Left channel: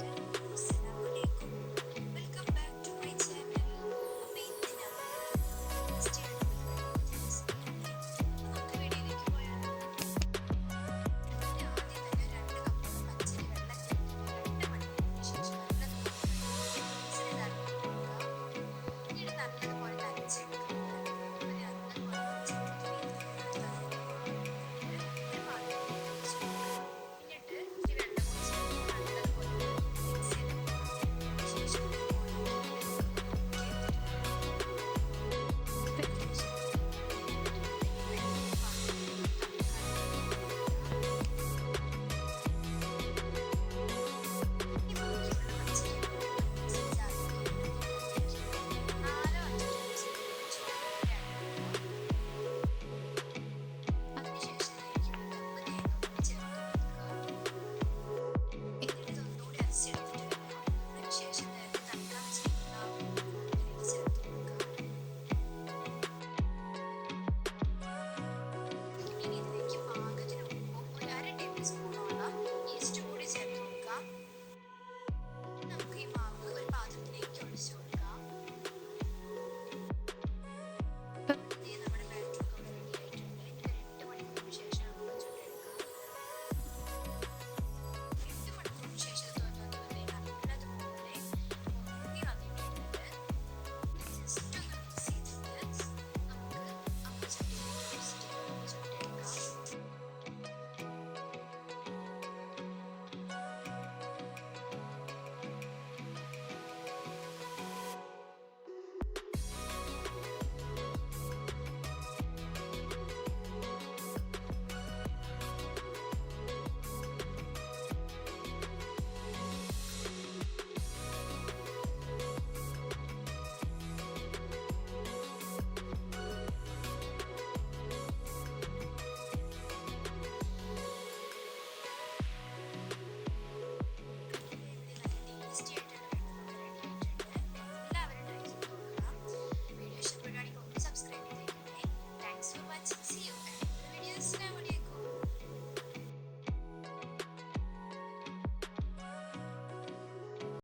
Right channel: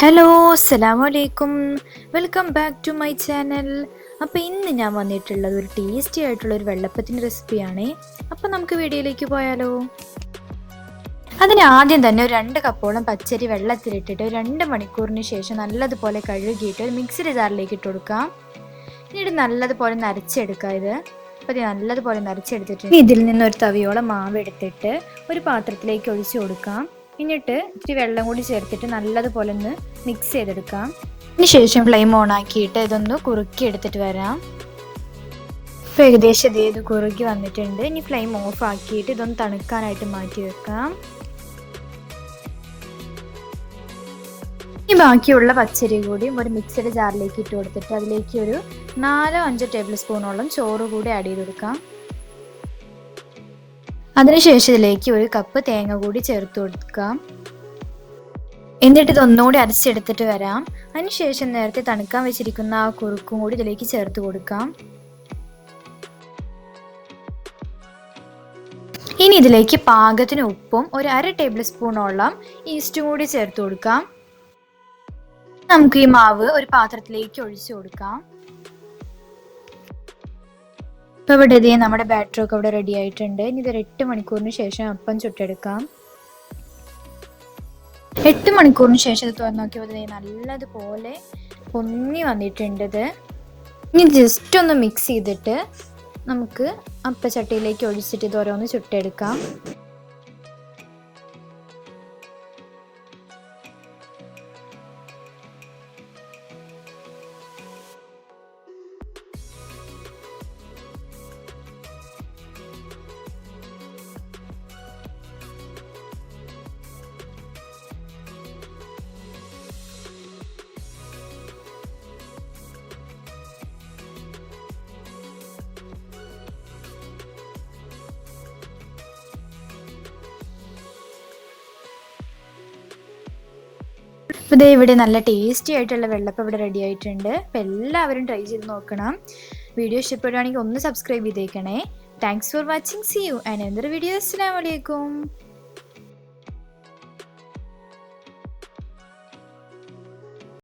Hello, അസ്സലാമു അലൈക്കും. Welcome back to my channel. അപ്പോൾ ഇന്ന് ഞാൻ വന്നിട്ടുള്ളത് ഒരു ടേസ്റ്റി ആയിട്ടുള്ള ഒരു വെള്ളപ്പത്തിൻ്റെ റെസിപ്പിയാണ്. അപ്പോൾ നമുക്ക് വീഡിയോയിലേക്ക് പോയാലോ. അതിന് ആദ്യം തന്നെ ഒരു 2 കപ്പോളം പച്ചരി വെള്ളത്തിലിട്ടിട്ട് 2 മണിക്കൂറിന് ശേഷം നല്ലതുപോലെ കഴുകിയിട്ട് ഒരു മിക്സിയുടെ ജാറിലേക്ക് ഇട്ട് കൊടുക്കാം. എന്നിട്ട് നല്ലതുപോലെ നരച്ചെടുക്കുക. അപ്പോൾ ഇത് നല്ലതുപോലെ നരച്ചെടുത്തിട്ട് ഇതിൽ നിന്ന് ഒരു തവിയോളം മാവ് എടുത്തിട്ട് ഒരു പാത്രത്തിലേക്ക് ഒഴിച്ചു കൊടുക്കാം. എന്നിട്ട് ഇത്തിരി വെള്ളം കൂടി ചേർത്തിട്ട് നല്ലതുപോലെ ഒന്ന് മിക്സ് ചെയ്തെടുക്കാം. അതിനുശേഷം ഫ്ലെയിം ഓൺ ആക്കിയിട്ട് ഇതൊന്ന് കുറുക്കി എടുത്തിട്ട് വരാം. ഇപ്പോൾ ഏകദേശം ഇത് കുറുക്കി വന്നിട്ടുണ്ട്. ഇനി ഫ്ലെയിം ഓഫ് ആക്കിയിട്ട് ഇതൊന്ന് തണുക്കാനായിട്ട് മാറ്റി വെക്കാം. ഇനി ബാക്കിയുള്ള പച്ചരി കൂടി ഒരു മിക്സഡ് ജാറിലേക്ക് ഇട്ട് കൊടുത്തിട്ട് അതിലേക്ക് ഒരു 4-5 ടേബിൾ സ്പൂണോളം ചോറ് കൂടി ആഡ് ചെയ്ത് കൊടുക്കാം. അതിനുശേഷം ഇതിലേക്ക് 1 കപ്പ് തേങ്ങ കൂടി ചേർത്ത് കൊടുക്കാം. എന്നിട്ട് ഇതൊന്നുകൂടി അരച്ചെടുത്തിട്ട് വരാം. അതിനുശേഷം നേരത്തെ തണുക്കാൻ വെച്ചിരിക്കുന്ന ആ കുറുക്കും കൂടി ഇതിലേക്ക് ചേർത്ത് കൊടുക്കാം. ഇനി ഇതിലേക്ക് പാകത്തിന് ഉപ്പും ഒരു 1/2 ടേബിൾ സ്പൂണോളം ഈസ്റ്റും കൂടി ചേർത്ത് കൊടുക്കാം. നമുക്ക് ഈ മാവ് ഒരു പാത്രത്തിലേക്ക് ഒഴിച്ചു കൊടുക്കാം. ഇപ്പോൾ ഇവിടെ നമ്മുടെ ബാറ്ററൊക്കെ ഇവിടെ റെഡി ആയിട്ടുണ്ട്. ഇനി ഇതൊരു 8 മണിക്കൂറിന് ശേഷം അപ്പം ചുട്ടെടുക്കാം. 8 മണിക്കൂറിന് ശേഷം ഇത് തുറന്ന് നോക്കിയപ്പോൾ നല്ലതുപോലെ പൊങ്ങി വന്നിട്ടുണ്ട്. ഇനി ജസ്റ്റ് ഒന്ന് മിക്സ് ചെയ്തിട്ട് നമുക്ക് അപ്പച്ചട്ടിയിലേക്ക് ഒഴിച്ചിട്ട് ഇത് ഓരോന്ന് ചുട്ടെടുക്കാം. അപ്പോൾ ഇവിടെ നല്ല ടേസ്റ്റി ആയിട്ടുള്ള വെള്ളപ്പം ഇവിടെ റെഡി ആയിട്ടുണ്ട്. അപ്പോൾ എല്ലാവരും ട്രൈ ചെയ്ത് നോക്കണം. വീഡിയോ ഇഷ്ടപ്പെടുകയാണെങ്കിൽ ഒന്ന് സബ്സ്ക്രൈബ് ചെയ്തേക്കണേ. Thanks for watching. See you and another video. അസ്സലാമു അലൈക്കും.